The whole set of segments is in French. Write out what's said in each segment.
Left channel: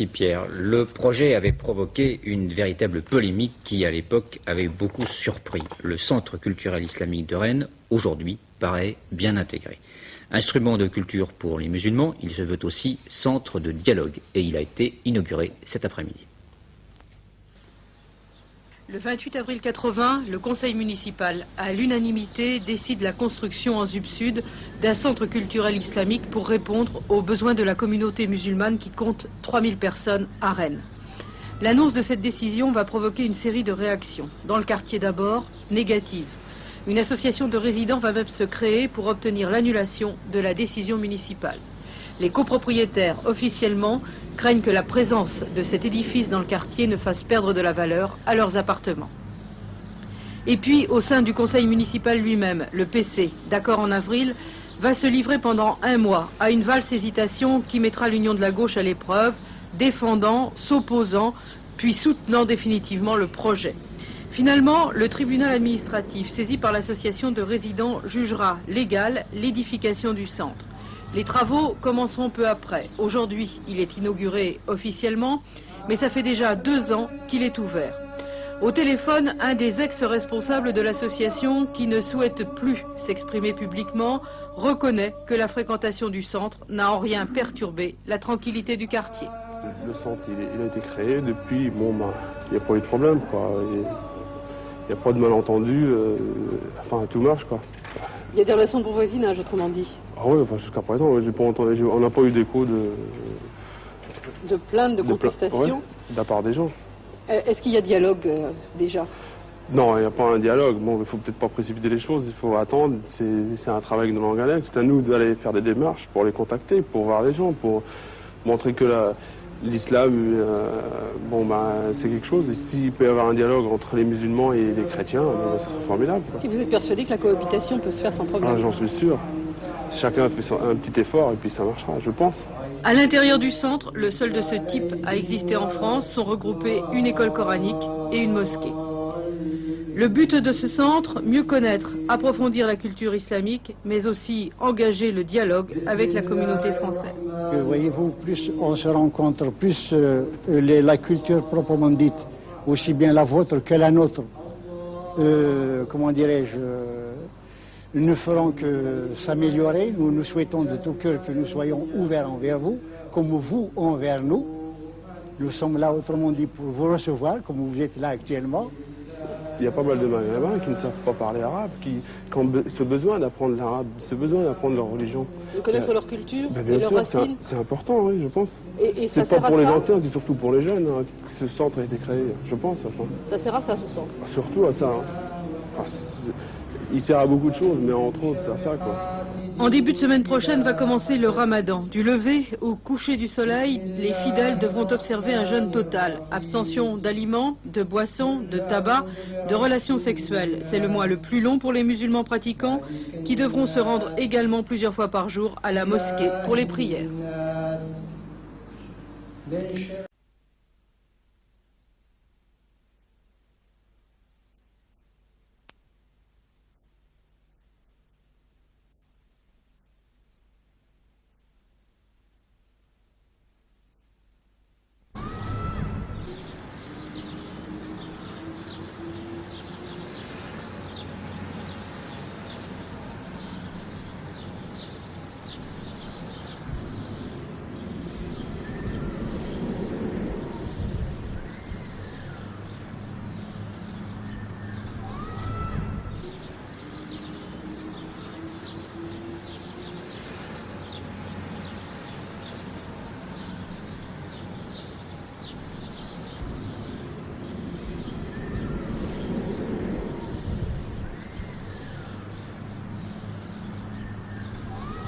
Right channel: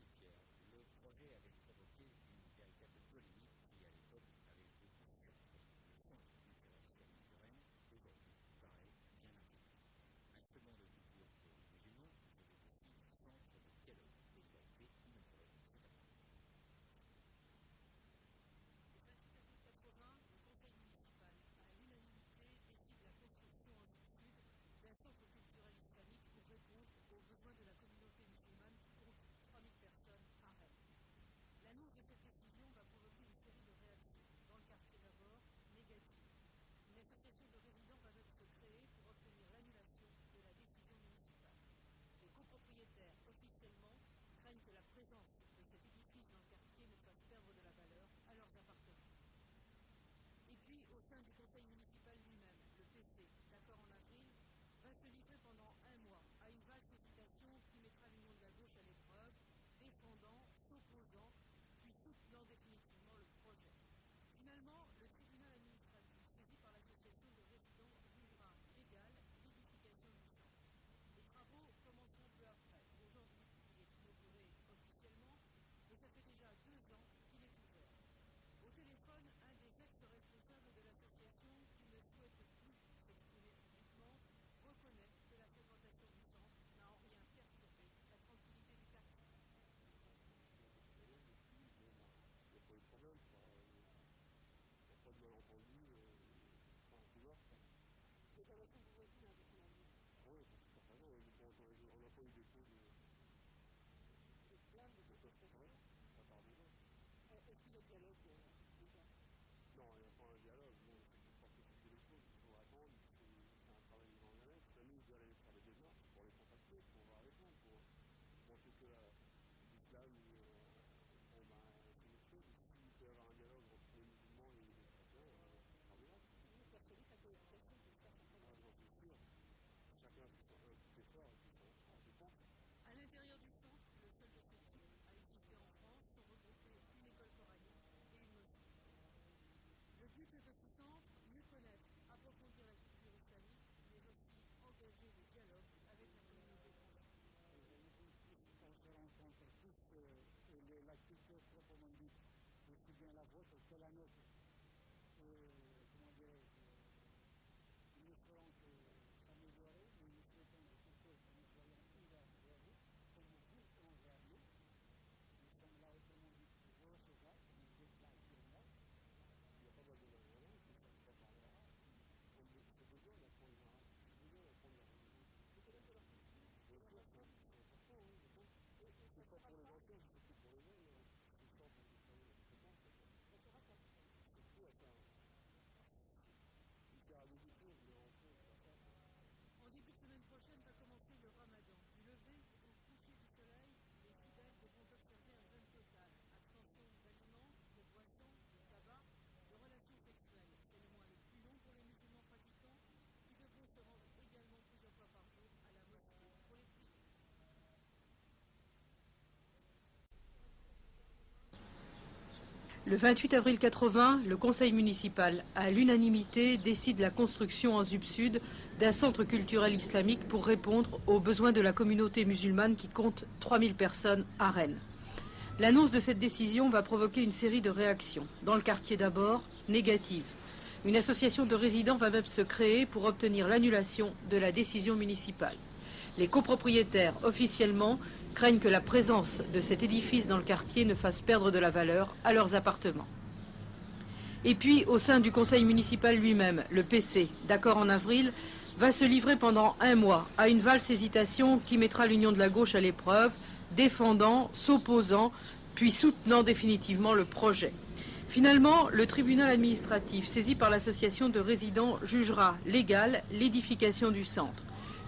Merci Pierre. Le projet avait provoqué une véritable polémique qui, à l'époque, avait beaucoup surpris. Le Centre culturel islamique de Rennes, aujourd'hui, paraît bien intégré. Instrument de culture pour les musulmans, il se veut aussi centre de dialogue et il a été inauguré cet après-midi. Le 28 avril 80, le conseil municipal, à l'unanimité, décide la construction en Zub Sud d'un centre culturel islamique pour répondre aux besoins de la communauté musulmane qui compte 3000 personnes à Rennes. L'annonce de cette décision va provoquer une série de réactions. Dans le quartier d'abord, négatives. Une association de résidents va même se créer pour obtenir l'annulation de la décision municipale. Les copropriétaires, officiellement, craignent que la présence de cet édifice dans le quartier ne fasse perdre de la valeur à leurs appartements. Et puis, au sein du conseil municipal lui-même, le PC, d'accord en avril, va se livrer pendant un mois à une valse hésitation qui mettra l'union de la gauche à l'épreuve, défendant, s'opposant, puis soutenant définitivement le projet. Finalement, le tribunal administratif, saisi par l'association de résidents, jugera légale l'édification du centre. Les travaux commenceront peu après. Aujourd'hui, il est inauguré officiellement, mais ça fait déjà 2 ans qu'il est ouvert. Au téléphone, un des ex-responsables de l'association, qui ne souhaite plus s'exprimer publiquement, reconnaît que la fréquentation du centre n'a en rien perturbé la tranquillité du quartier. Le centre, il a été créé depuis, bon, il n'y a pas eu de problème, quoi. Il n'y a pas de malentendu, enfin, tout marche, quoi. Il y a des relations de bon voisinage, autrement dit. Ah oui, enfin, jusqu'à présent, j'ai pas entendu, on n'a pas eu d'écho De plaintes, de contestations. Ouais, de la part des gens. Est-ce qu'il y a dialogue déjà? Non, il n'y a pas un dialogue. Bon, il ne faut peut-être pas précipiter les choses, il faut attendre. C'est un travail de longue haleine. C'est à nous d'aller faire des démarches pour les contacter, pour voir les gens, pour montrer que l'islam, c'est quelque chose. Et s'il peut y avoir un dialogue entre les musulmans et les chrétiens, ça serait formidable, quoi. Et vous êtes persuadé que la cohabitation peut se faire sans problème? J'en suis sûr. Chacun fait un petit effort et puis ça marchera, je pense. À l'intérieur du centre, le seul de ce type à exister en France, sont regroupées une école coranique et une mosquée. Le but de ce centre, mieux connaître, approfondir la culture islamique, mais aussi engager le dialogue avec la communauté française. Voyez-vous, plus on se rencontre, plus la culture proprement dite, aussi bien la vôtre que la nôtre, comment dirais-je, ne feront que s'améliorer. Nous souhaitons de tout cœur que nous soyons ouverts envers vous, comme vous envers nous. Nous sommes là, autrement dit, pour vous recevoir, comme vous êtes là actuellement. Il y a pas mal de Maghrébins qui ne savent pas parler arabe, qui ont ce besoin d'apprendre l'arabe, ce besoin d'apprendre leur religion. De connaître leur culture et leurs racines. C'est important, oui, je pense. Et c'est pas pour les anciens, c'est surtout pour les jeunes que ce centre a été créé, je pense. Enfin. Ça sert à ça, ce centre? Surtout à ça. Enfin, il sert à beaucoup de choses, mais entre autres à ça, quoi. En début de semaine prochaine va commencer le ramadan. Du lever au coucher du soleil, les fidèles devront observer un jeûne total. Abstention d'aliments, de boissons, de tabac, de relations sexuelles. C'est le mois le plus long pour les musulmans pratiquants qui devront se rendre également plusieurs fois par jour à la mosquée pour les prières. Le 28 avril 80, le conseil municipal, à l'unanimité, décide la construction en Zub Sud d'un centre culturel islamique pour répondre aux besoins de la communauté musulmane qui compte 3000 personnes à Rennes. L'annonce de cette décision va provoquer une série de réactions. Dans le quartier d'abord, négatives. Une association de résidents va même se créer pour obtenir l'annulation de la décision municipale. Les copropriétaires, officiellement, craignent que la présence de cet édifice dans le quartier ne fasse perdre de la valeur à leurs appartements. Et puis, au sein du conseil municipal lui-même, le PC, d'accord en avril, va se livrer pendant un mois à une valse hésitation qui mettra l'union de la gauche à l'épreuve, défendant, s'opposant, puis soutenant définitivement le projet. Finalement, le tribunal administratif, saisi par l'association de résidents, jugera légale l'édification du centre.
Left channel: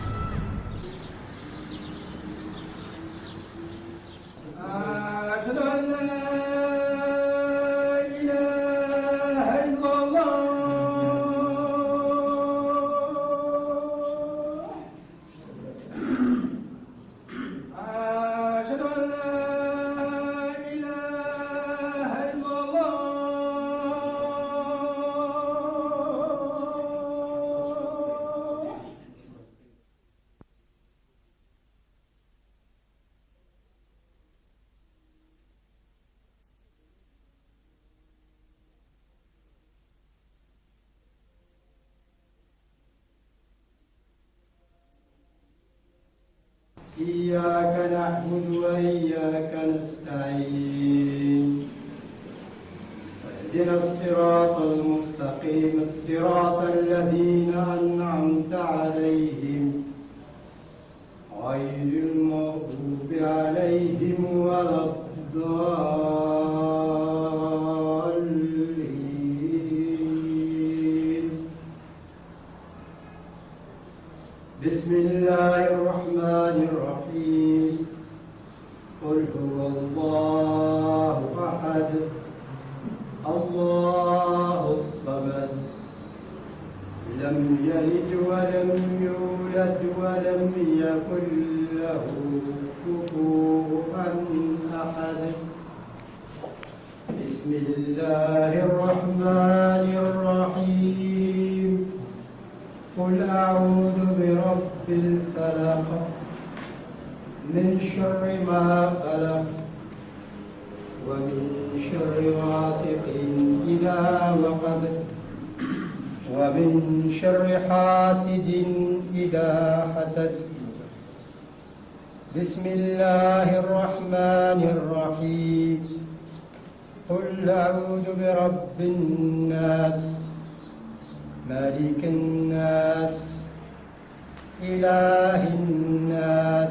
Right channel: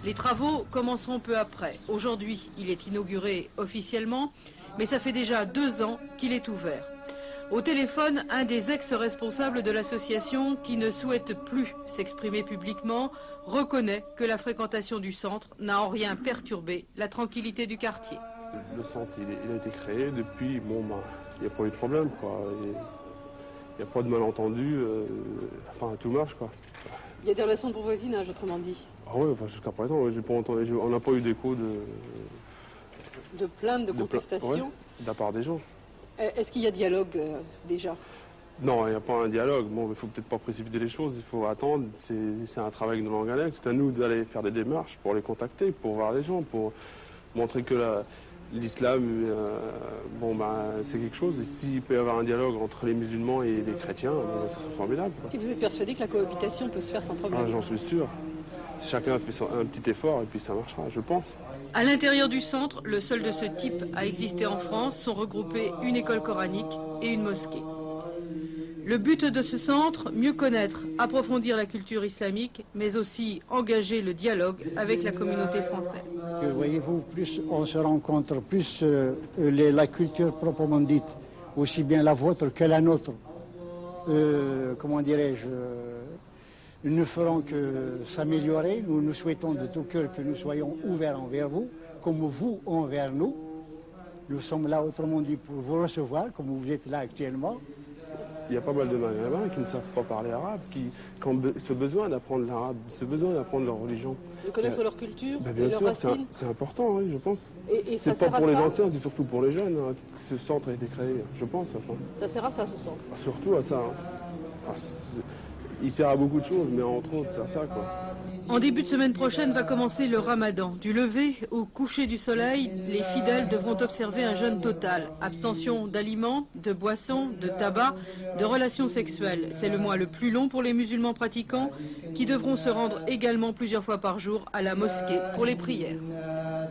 Les travaux commenceront peu après. Aujourd'hui, il est inauguré officiellement, mais ça fait déjà 2 ans qu'il est ouvert. Au téléphone, un des ex-responsables de l'association, qui ne souhaite plus s'exprimer publiquement, reconnaît que la fréquentation du centre n'a en rien perturbé la tranquillité du quartier. Le centre, il a été créé depuis, il n'y a pas eu de problème, quoi. Il n'y a pas de malentendu, enfin, tout marche, quoi. Il y a des relations de bon voisinage, autrement dit. Ah oui, enfin, jusqu'à présent, j'ai pas entendu, on n'a pas eu d'écho de plaintes, de contestations. De la part des gens. Est-ce qu'il y a dialogue déjà? Non, il n'y a pas un dialogue. Bon, il ne faut peut-être pas précipiter les choses, il faut attendre. C'est un travail de longue haleine. C'est à nous d'aller faire des démarches pour les contacter, pour voir les gens, pour montrer que l'islam, c'est quelque chose. Et s'il peut y avoir un dialogue entre les musulmans et les chrétiens, c'est formidable. Et vous êtes persuadé que la cohabitation peut se faire sans problème? J'en suis sûr. Chacun fait un petit effort et puis ça marchera, je pense. À l'intérieur du centre, le seul de ce type à exister en France, sont regroupés une école coranique et une mosquée. Le but de ce centre, mieux connaître, approfondir la culture islamique, mais aussi engager le dialogue avec la communauté française. Voyez-vous, plus on se rencontre, plus la culture proprement dite, aussi bien la vôtre que la nôtre, comment dirais-je, nous ne ferons que s'améliorer. Nous souhaitons de tout cœur que nous soyons ouverts envers vous, comme vous envers nous. Nous sommes là, autrement dit, pour vous recevoir, comme vous êtes là actuellement. Ce besoin d'apprendre l'arabe, ce besoin d'apprendre leur religion. Connaître leur culture, leur racine. C'est important, oui, je pense. C'est pas pour les anciens, c'est surtout pour les jeunes. Ce centre a été créé, je pense. Surtout à ça. Il sert à beaucoup de choses, mais En début de semaine prochaine va commencer le ramadan. Du lever au coucher du soleil, les fidèles devront observer un jeûne total. Abstention d'aliments, de boissons, de tabac, de relations sexuelles. C'est le mois le plus long pour les musulmans pratiquants qui devront se rendre également plusieurs fois par jour à la mosquée pour les prières.